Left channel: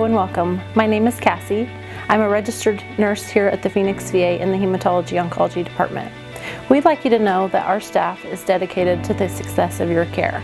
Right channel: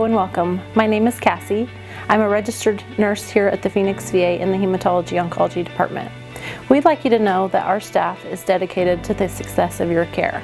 Hello and welcome. My name is Cassie. I'm a registered nurse here at the Phoenix VA in the Hematology Oncology Department. We'd like you to know that our staff is dedicated to the success of your care.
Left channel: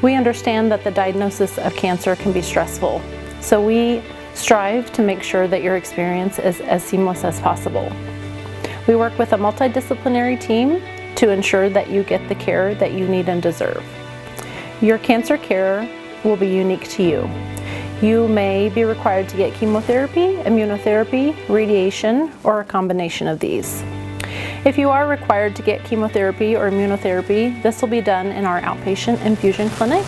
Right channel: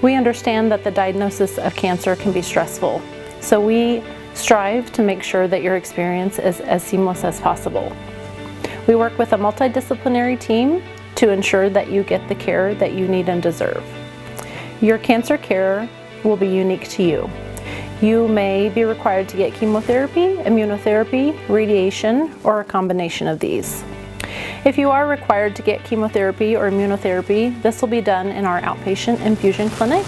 We understand that the diagnosis of cancer can be stressful, so we strive to make sure that your experience is as seamless as possible. We work with a multidisciplinary team to ensure that you get the care that you need and deserve. Your cancer care will be unique to you. You may be required to get chemotherapy, immunotherapy, radiation, or a combination of these. If you are required to get chemotherapy or immunotherapy, this will be done in our outpatient infusion clinic.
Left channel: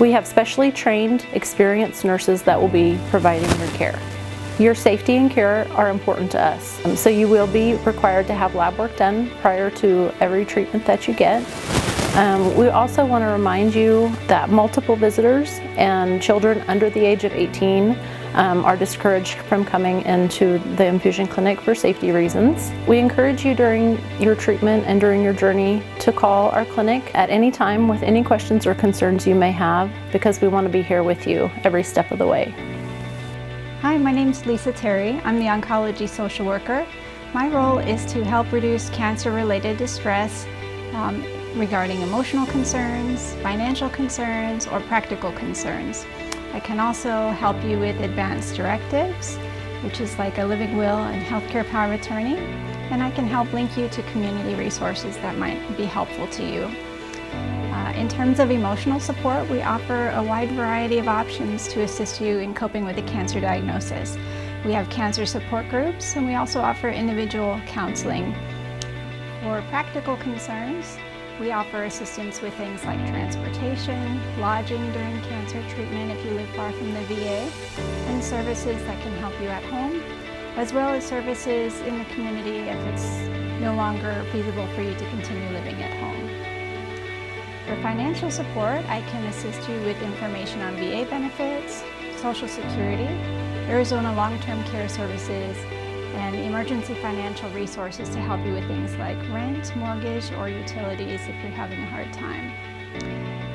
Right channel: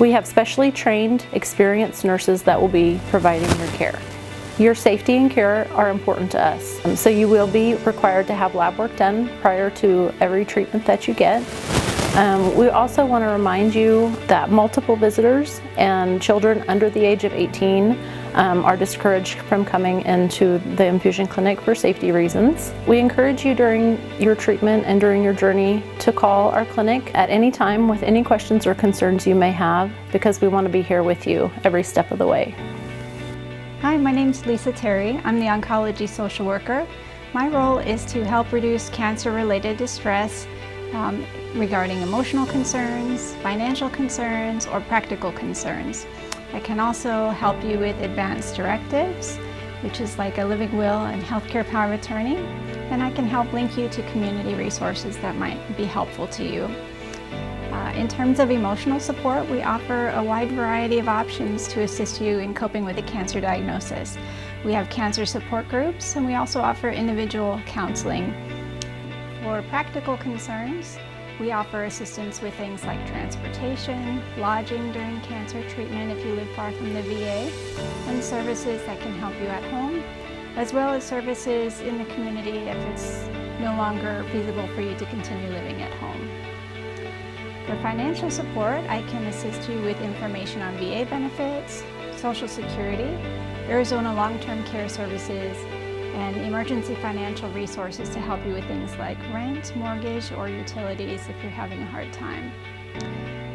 We have specially trained, experienced nurses that will be providing your care. Your safety and care are important to us, so you will be required to have lab work done prior to every treatment that you get. We also want to remind you that multiple visitors and children under the age of 18 are discouraged from coming into the infusion clinic for safety reasons. We encourage you during your treatment and during your journey to call our clinic at any time with any questions or concerns you may have, because we want to be here with you every step of the way. Hi, my name is Lisa Terry. I'm the oncology social worker. My role is to help reduce cancer-related distress regarding emotional concerns, financial concerns, or practical concerns. I can also help you with advanced directives, which is like a living will and healthcare power of attorney, and I can help link you to community resources that might be helpful to you. In terms of emotional support, we offer a wide variety of options to assist you in coping with a cancer diagnosis. We have cancer support groups, and we also offer individual counseling. For practical concerns, we offer assistance with things like transportation, lodging during cancer treatment if you live far from the VA, and services that can help you at home, as well as services in the community if it's no longer feasible for you to continue living at home. For financial support, I can assist you with information on VA benefits, Social Security, Arizona long-term care services, and emergency financial resources to help you with things like rent, mortgage, or utilities if you're having a hard time.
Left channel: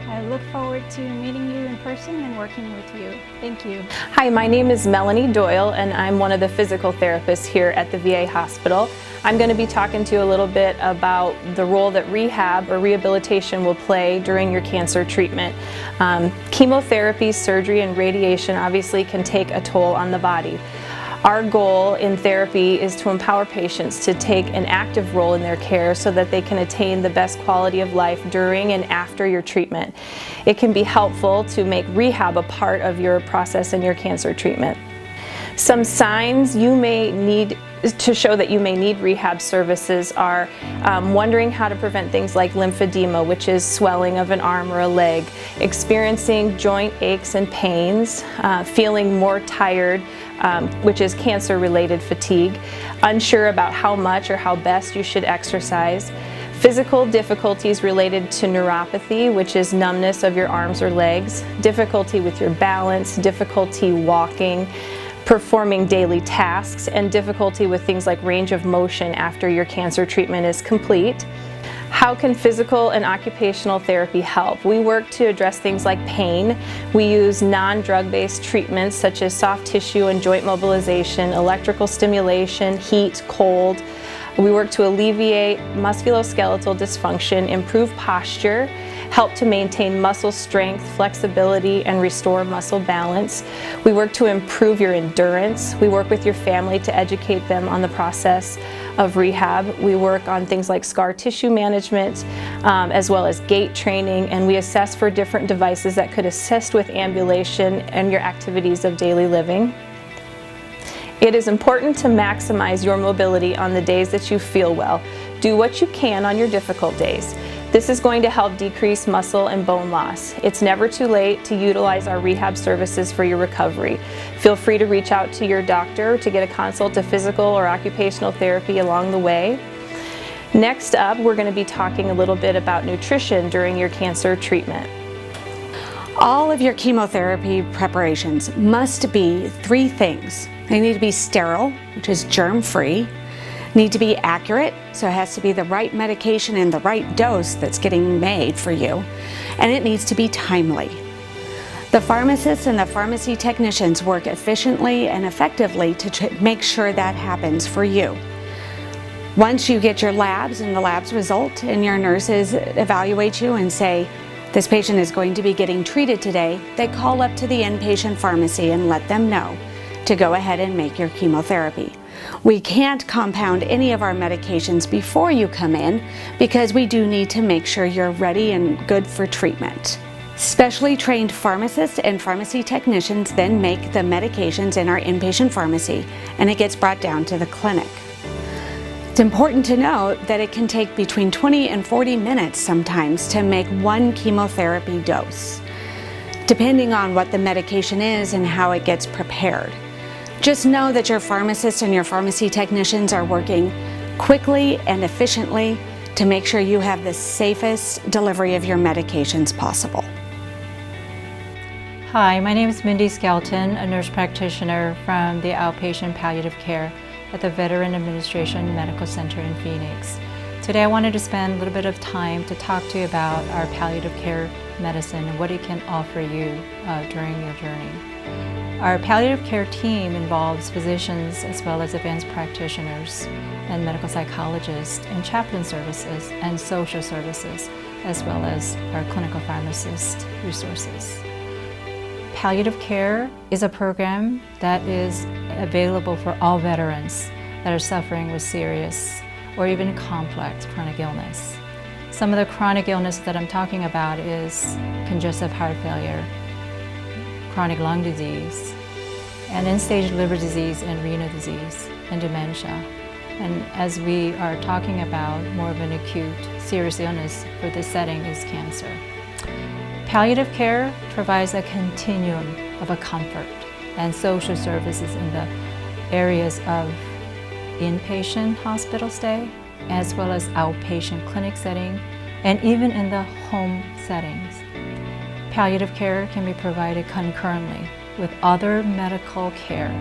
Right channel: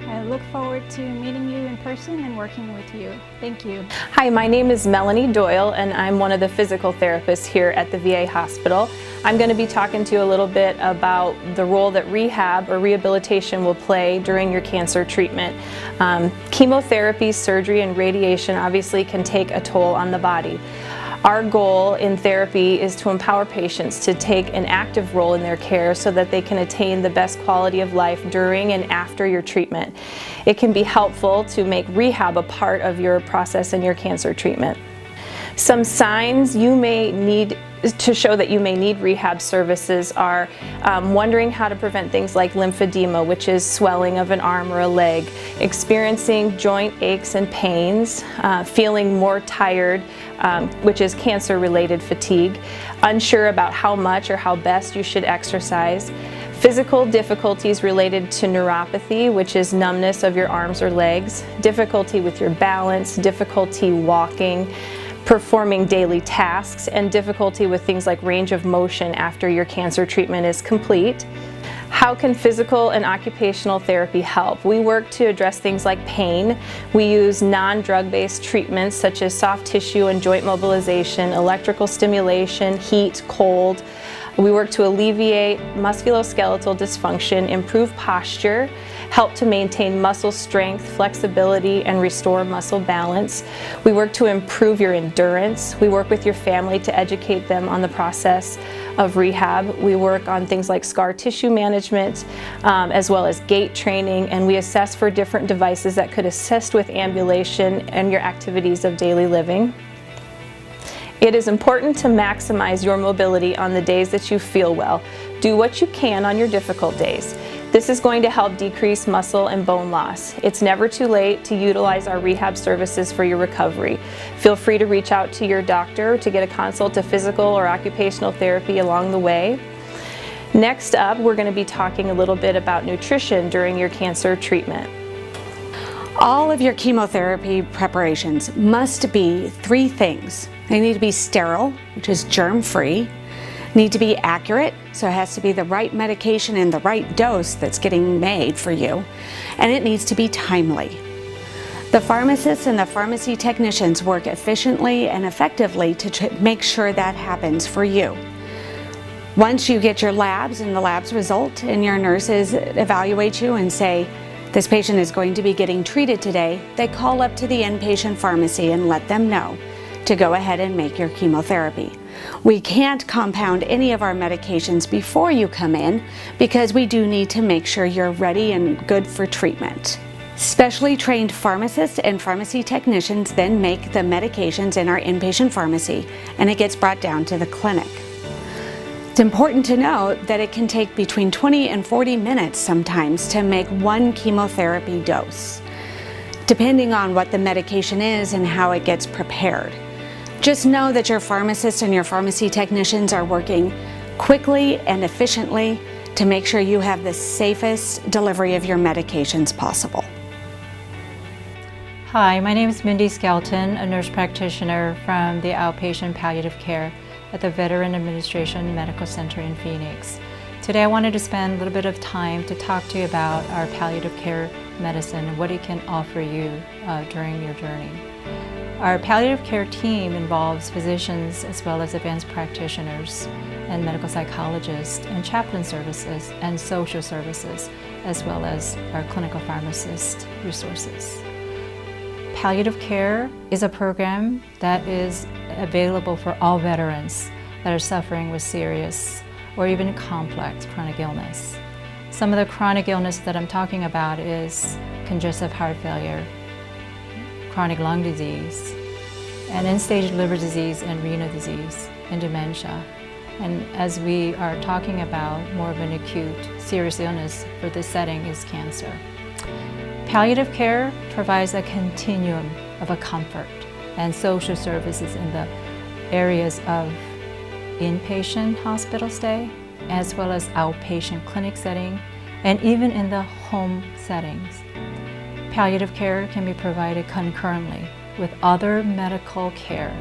I look forward to meeting you in person and working with you. Thank you. Hi, my name is Melanie Doyle, and I'm one of the physical therapists here at the VA hospital. I'm going to be talking to you a little bit about the role that rehab or rehabilitation will play during your cancer treatment. Chemotherapy, surgery, and radiation obviously can take a toll on the body. Our goal in therapy is to empower patients to take an active role in their care so that they can attain the best quality of life during and after your treatment. It can be helpful to make rehab a part of your process in your cancer treatment. Some signs you may need to show that you may need rehab services are wondering how to prevent things like lymphedema, which is swelling of an arm or a leg, experiencing joint aches and pains, feeling more tired, which is cancer-related fatigue, unsure about how much or how best you should exercise, physical difficulties related to neuropathy, which is numbness of your arms or legs, difficulty with your balance, difficulty walking, performing daily tasks, and difficulty with things like range of motion after your cancer treatment is complete. How can physical and occupational therapy help? We work to address things like pain. We use non-drug-based treatments such as soft tissue and joint mobilization, electrical stimulation, heat, cold. We work to alleviate musculoskeletal dysfunction, improve posture, help to maintain muscle strength, flexibility, and restore muscle balance. We work to improve your endurance. We work with your family to educate them on the process of rehab. We work on things like scar tissue management, as well as gait training, and we assess for different devices that could assist with ambulation and your activities of daily living. It is important to maximize your mobility on the days that you feel well. Do what you can on your difficult days. This is going to help decrease muscle and bone loss. It's never too late to utilize our rehab services for your recovery. Feel free to reach out to your doctor to get a consult to physical or occupational therapy along the way. Next up, we're going to be talking a little bit about nutrition during your cancer treatment. All of your chemotherapy preparations must be 3 things. They need to be sterile, which is germ-free, need to be accurate, so it has to be the right medication and the right dose that's getting made for you, and it needs to be timely. The pharmacists and the pharmacy technicians work efficiently and effectively to make sure that happens for you. Once you get your labs and the labs result and your nurses evaluate you and say, this patient is going to be getting treated today, they call up to the inpatient pharmacy and let them know to go ahead and make your chemotherapy. We can't compound any of our medications before you come in because we do need to make sure you're ready and good for treatment. Specially trained pharmacists and pharmacy technicians then make the medications in our inpatient pharmacy, and it gets brought down to the clinic. It's important to note that it can take between 20 and 40 minutes sometimes to make one chemotherapy dose, depending on what the medication is and how it gets prepared. Just know that your pharmacists and your pharmacy technicians are working quickly and efficiently to make sure you have the safest delivery of your medications possible. Hi, my name is Mindy Skelton, a nurse practitioner from the Outpatient Palliative Care at the Veteran Administration Medical Center in Phoenix. Today I wanted to spend a little bit of time to talk to you about our palliative care medicine and what it can offer you during your journey. Our palliative care team involves physicians as well as advanced practitioners and medical psychologists and chaplain services and social services, as well as our clinical pharmacist resources. Palliative care is a program that is available for all veterans that are suffering with serious or even complex chronic illness. Some of the chronic illness that I'm talking about is congestive heart failure, chronic lung disease, and end-stage liver disease and renal disease, and dementia. And as we are talking about more of an acute, serious illness for this setting is cancer. Palliative care provides a continuum of a comfort and social services in the areas of inpatient hospital stay, as well as outpatient clinic setting, and even in the home settings. Palliative care can be provided concurrently with other medical care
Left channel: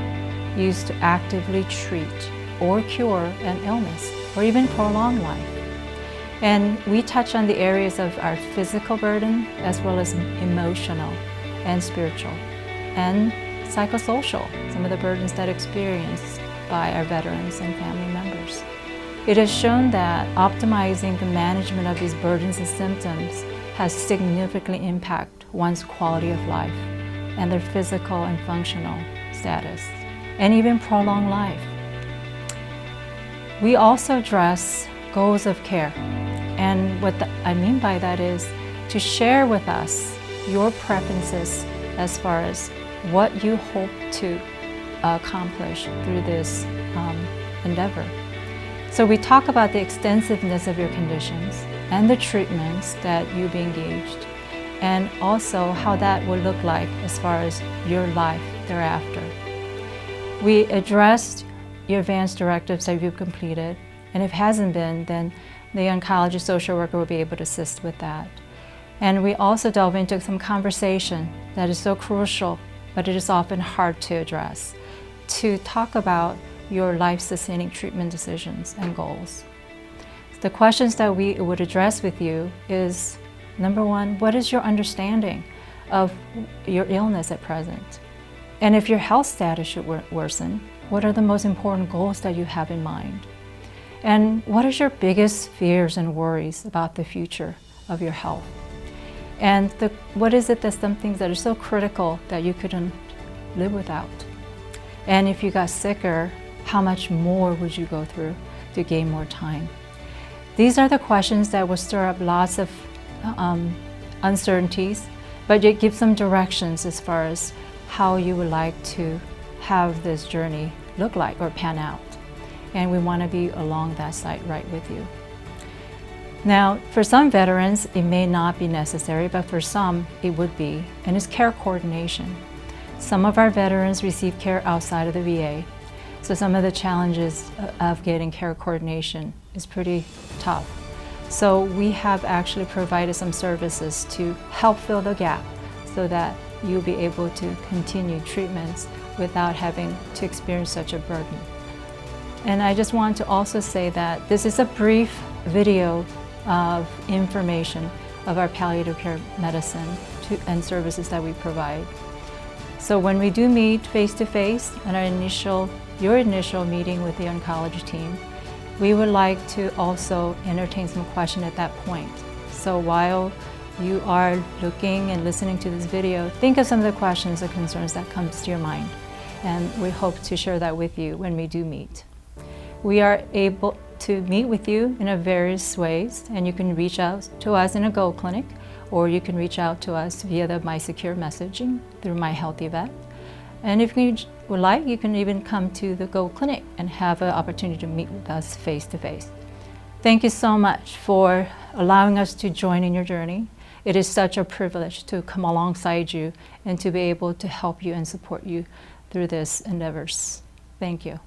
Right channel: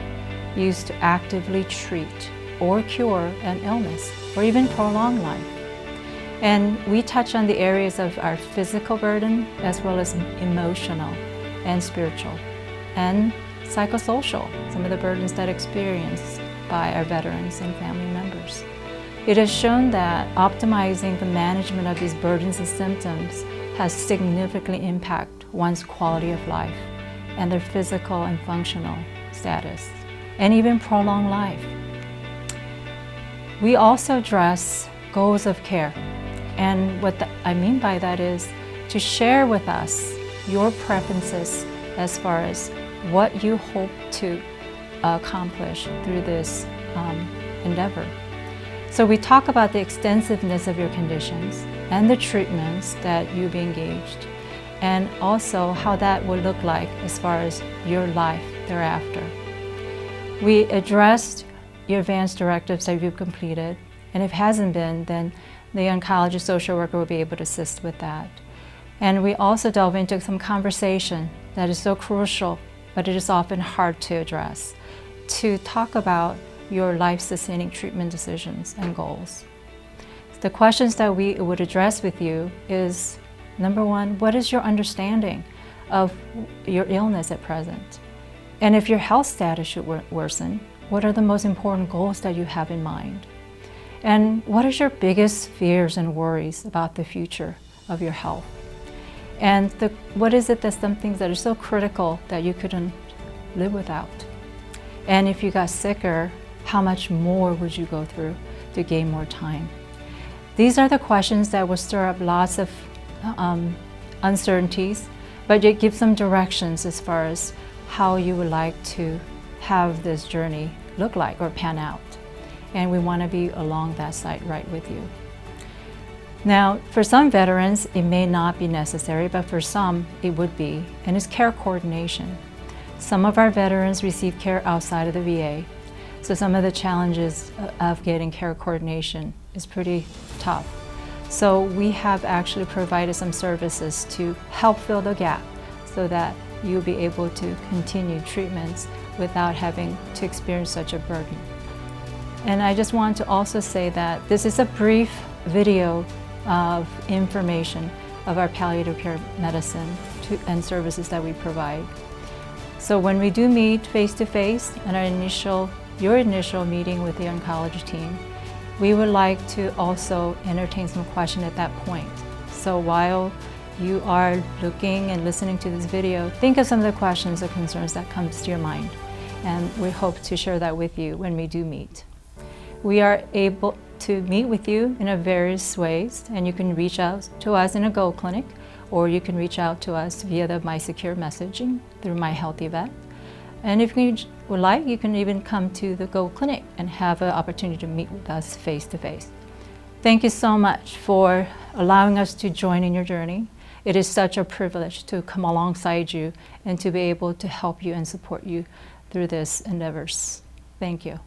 used to actively treat or cure an illness or even prolong life. And we touch on the areas of our physical burden as well as emotional and spiritual and psychosocial, some of the burdens that are experienced by our veterans and family members. It has shown that optimizing the management of these burdens and symptoms has significantly impacted one's quality of life and their physical and functional status, and even prolong life. We also address goals of care. And what I mean by that is to share with us your preferences as far as what you hope to accomplish through this endeavor. So we talk about the extensiveness of your conditions and the treatments that you'll be engaged, and also how that will look like as far as your life thereafter. We addressed your advanced directives that you've completed, and if it hasn't been, then the oncology social worker will be able to assist with that. And we also delve into some conversation that is so crucial, but it is often hard to address, to talk about your life-sustaining treatment decisions and goals. The questions that we would address with you is, number one, what is your understanding of your illness at present? And if your health status should worsen, what are the most important goals that you have in mind? And what is your biggest fears and worries about the future of your health? And what is it that's some things that are so critical that you couldn't live without? And if you got sicker, how much more would you go through to gain more time? These are the questions that will stir up lots of uncertainties, but it gives some directions as far as how you would like to have this journey look like or pan out. And we want to be along that side right with you. Now, for some veterans, it may not be necessary, but for some, it would be, and it's care coordination. Some of our veterans receive care outside of the VA, so some of the challenges of getting care coordination is pretty tough. So we have actually provided some services to help fill the gap so that you'll be able to continue treatments without having to experience such a burden. And I just want to also say that this is a brief video of information of our palliative care medicine, and services that we provide. So when we do meet face-to-face and your initial meeting with the oncology team, we would like to also entertain some questions at that point. So while you are looking and listening to this video, think of some of the questions or concerns that comes to your mind. And we hope to share that with you when we do meet. We are able to meet with you in various ways, and you can reach out to us in a Go Clinic, or you can reach out to us via the My Secure messaging through My Healthy Vet. And if you would like, you can even come to the Go Clinic and have an opportunity to meet with us face to face. Thank you so much for allowing us to join in your journey. It is such a privilege to come alongside you and to be able to help you and support you through this endeavors. Thank you.